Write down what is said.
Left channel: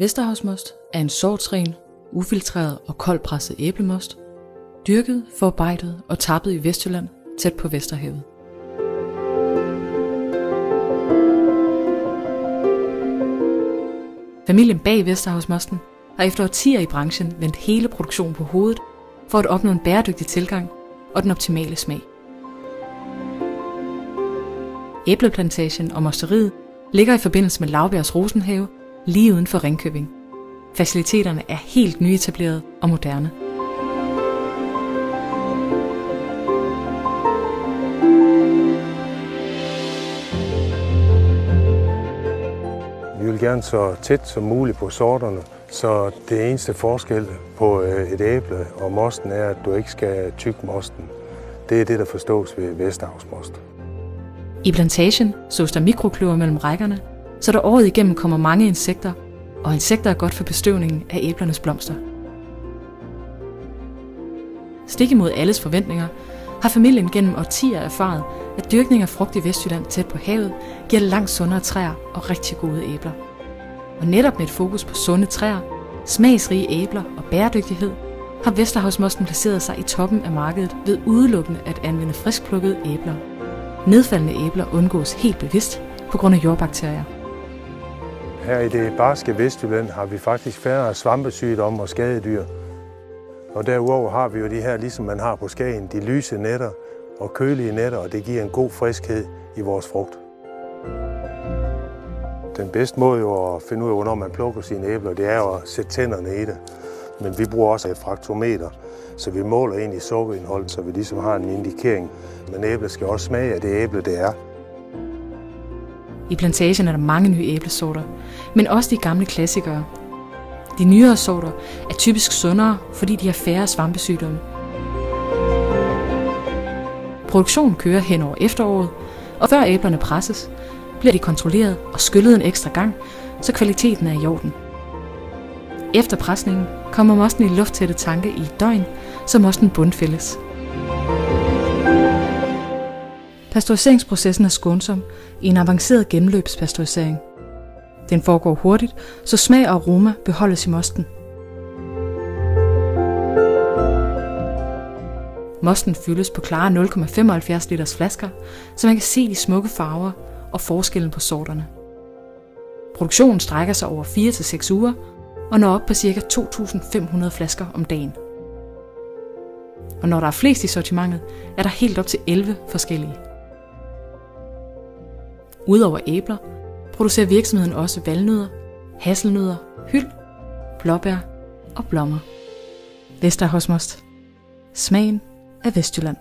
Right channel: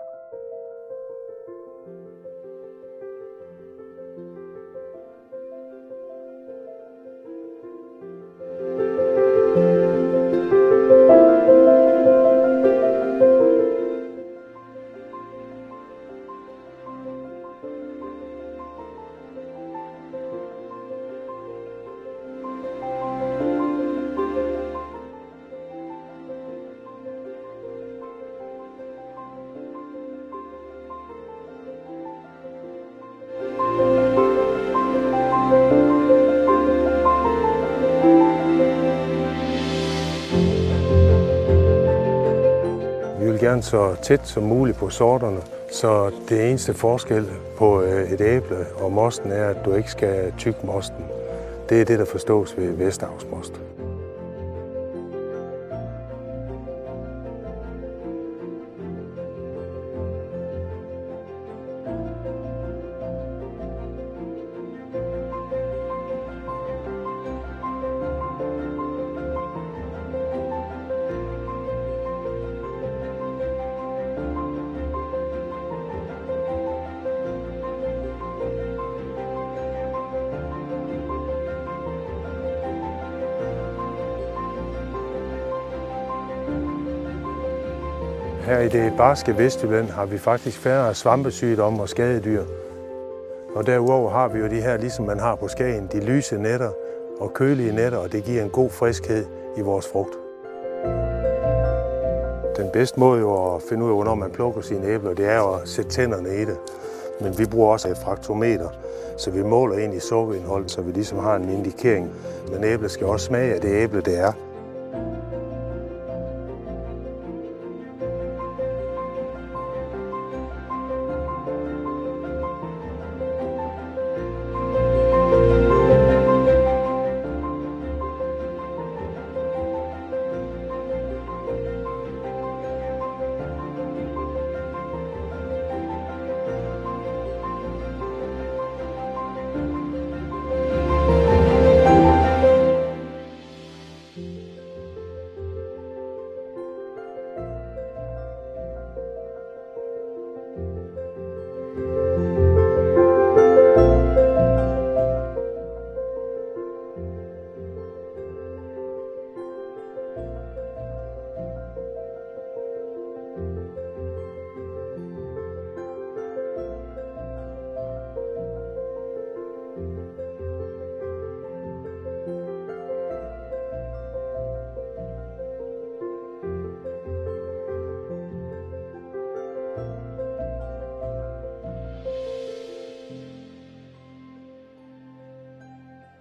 Vesterhavsmost er en sortsren, ufiltreret og koldpresset æblemost, dyrket, forarbejdet og tappet i Vestjylland tæt på Vesterhavet. Familien bag Vesterhavsmosten har efter årtier i branchen vendt hele produktionen på hovedet for at opnå en bæredygtig tilgang og den optimale smag. Æbleplantagen og mosteriet ligger i forbindelse med Laubjergs Rosenhave lige uden for Ringkøbing. Faciliteterne er helt nyetableret og moderne. Vi vil gerne så tæt som muligt på sorterne, så det eneste forskel på et æble og mosten er, at du ikke skal tygge mosten. Det er det, der forstås ved Vesterhavsmost. I plantagen sås der mikrokløver mellem rækkerne, så der året igennem kommer mange insekter, og insekter er godt for bestøvningen af æblernes blomster. Stik imod alles forventninger har familien gennem årtier erfaret, at dyrkning af frugt i Vestjylland tæt på havet giver langt sundere træer og rigtig gode æbler. Og netop med et fokus på sunde træer, smagsrige æbler og bæredygtighed, har Vesterhavsmosten placeret sig i toppen af markedet ved udelukkende at anvende friskplukkede æbler. Nedfaldende æbler undgås helt bevidst på grund af jordbakterier. Her i det barske Vestjylland har vi faktisk færre svampesygdomme og skadedyr. Og derudover har vi jo de her, ligesom man har på Skagen, de lyse nætter og kølige nætter, og det giver en god friskhed i vores frugt. Den bedste måde jo at finde ud af, hvornår man plukker sine æbler, det er jo at sætte tænderne i det. Men vi bruger også et fraktometer, så vi måler ind i sukkerindhold, så vi ligesom har en indikering. Men æblet skal også smage af det æble, det er. I plantagen er der mange nye æblesorter, men også de gamle klassikere. De nyere sorter er typisk sundere, fordi de har færre svampesygdomme. Produktionen kører hen over efteråret, og før æblerne presses, bliver de kontrolleret og skyllet en ekstra gang, så kvaliteten er i orden. Efter presningen kommer mosten i lufttætte tanke i et døgn, så mosten bundfældes. Pasteuriseringsprocessen er skånsom i en avanceret gennemløbspasteurisering. Den foregår hurtigt, så smag og aroma beholdes i mosten. Mosten fyldes på klare 0,75 liters flasker, så man kan se de smukke farver og forskellen på sorterne. Produktionen strækker sig over 4 til 6 uger og når op på ca. 2.500 flasker om dagen. Og når der er flest i sortimentet, er der helt op til 11 forskellige. Udover æbler producerer virksomheden også valnødder, hasselnødder, hyld, blåbær og blommer. Vesterhavsmost. Smagen af Vestjylland.